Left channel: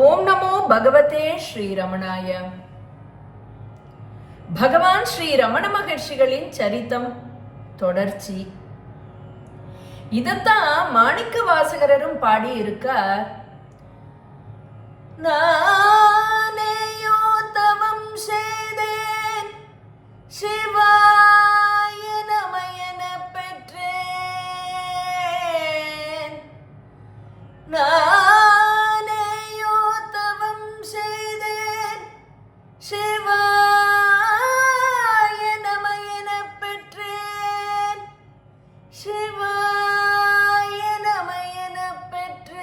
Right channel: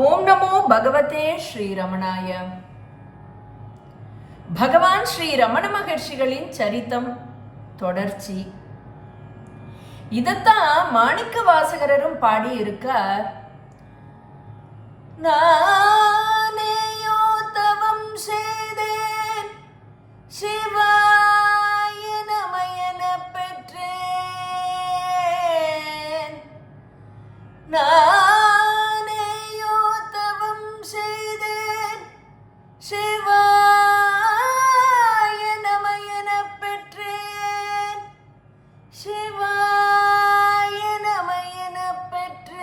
ஓம் நமோ பகவதே ஸ்ரீ ரமணாய. பகவான் ஸ்ரீ ரமண மகர்ஷிகளின் சரித்தம் தொடர்ச்சி. இதத்தான் மாணிக்க வாசகரும் பாடி இருக்கார். நானேயோ தவம் செய்தேன், சிவாய நமயன பெற்றேன். நானேயோ தவம் செய்தேன், சிவாய நமயன பெற்றேன். சிவாய நமயன பெற்றேன்.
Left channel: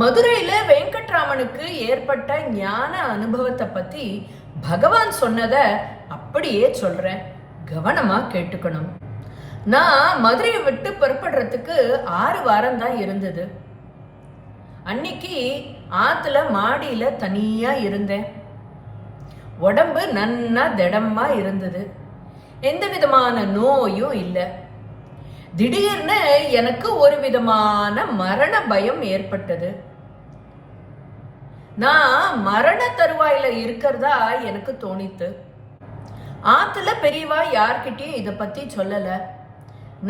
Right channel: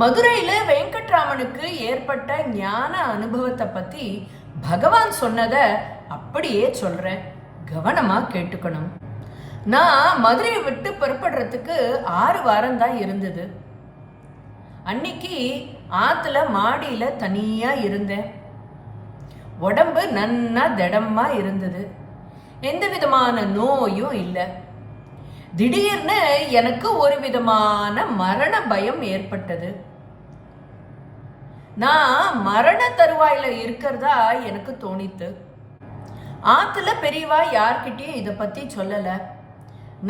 மதுரையில வெங்கட்ராமனுக்கு ஏற்பட்ட ஞான அனுபவத்தை பத்தி பகவான் சொன்னத அப்படியே சொல்றேன், கவனமா கேட்டுக்கணும். நான் மதுரையை விட்டு புறப்படுறதுக்கு 6 வாரம் தான் இருந்தது. அன்னைக்கு ஆத்துல மாடியில தனியா இருந்தேன். உடம்பு நன்னா திடமா இருந்தது, எந்த விதமான நோயும் இல்லை. திடீர்னு எனக்கு ஒரு விதமான மரண பயம் ஏற்பட்டது. நான் மரண தருவாயில இருக்கிறதா எனக்கு தோணித்து. ஆத்துல பெரியவா யார்கிட்டயும் இத பத்தி சொல்லல.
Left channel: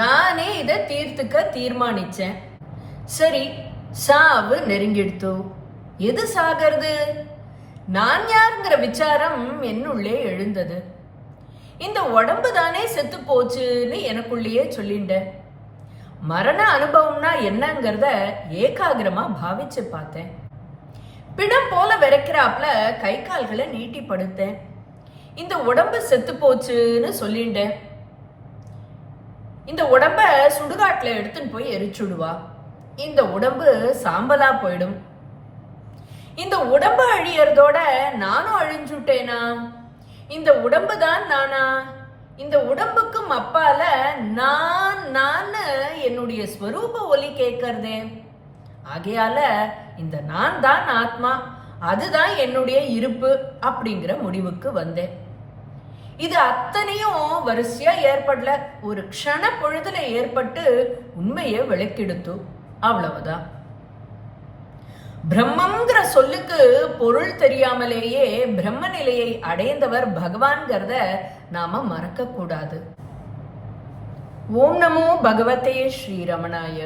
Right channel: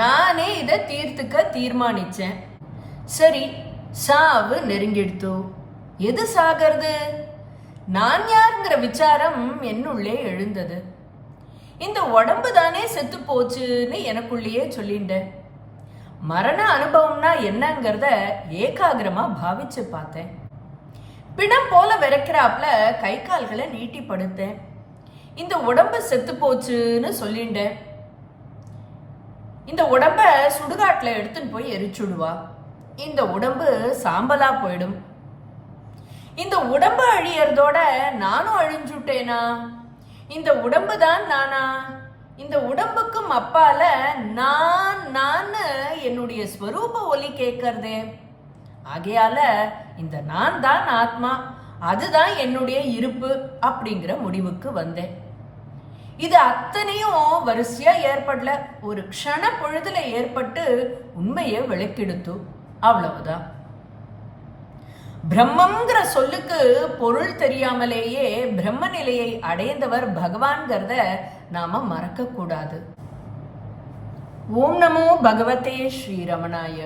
நானே இதை தீர்த்துக்க தீர்மானிச்சேன். சரி, சாவு நெருங்கிடுத்து. எது சாகிறது? நான் யாருங்கிற விசாரம் என்னுள்ளே எழுந்தது. இந்த உடம்பு தானே செத்து போச்சுன்னு எனக்குள்ளேயே சொல்லிண்டேன். மரண அனுபவம்னா என்னங்கிறத ஏகாகிரமா பாவிச்சு பார்த்தேன். பிணம் போல விரைக்கிறாப்ல கை கால்களை நீட்டி படுத்தேன். இந்த உடம்பு செத்து போச்சுன்னு சொல்லிண்டேன். இந்த உடம்ப சுடுகாட்டுல எடுத்துன்னு போய் எரிச்சுடுவா. இந்த உடம்பு சாம்பலா போயிடும். இந்த உடம்பு அழியறதோட நானும் அழிஞ்சுட்டேனா? இந்த உடம்பு தான் நானா? இந்த உடம்புக்கும் அப்பால நான் என்னுடைய ஸ்வரூப ஒலி கேட்கறதே. ஆகையால இந்த நான் தான் ஆத்மா, அதுதான் என்னுடைய இருப்பு அப்படிங்கிற முடிவுக்கு வந்தேன். இது அத்தனையும் வரிசையா ஏற்படல, ஒரு க்ஷண பொழுதுல ஏற்பட்டு உண்மையை விளக்கெடுத்து. அவ்வளவுதான். பிரம்மங்கிற சொல்லுக்கு பொருள் தெரியாமலேயே பிரம்ம நிலையை அடைந்தவர் பகவான்கிறத நாம மறக்க கூடாது. ஓம் நமோ பகவதே ஸ்ரீ ரமணாய.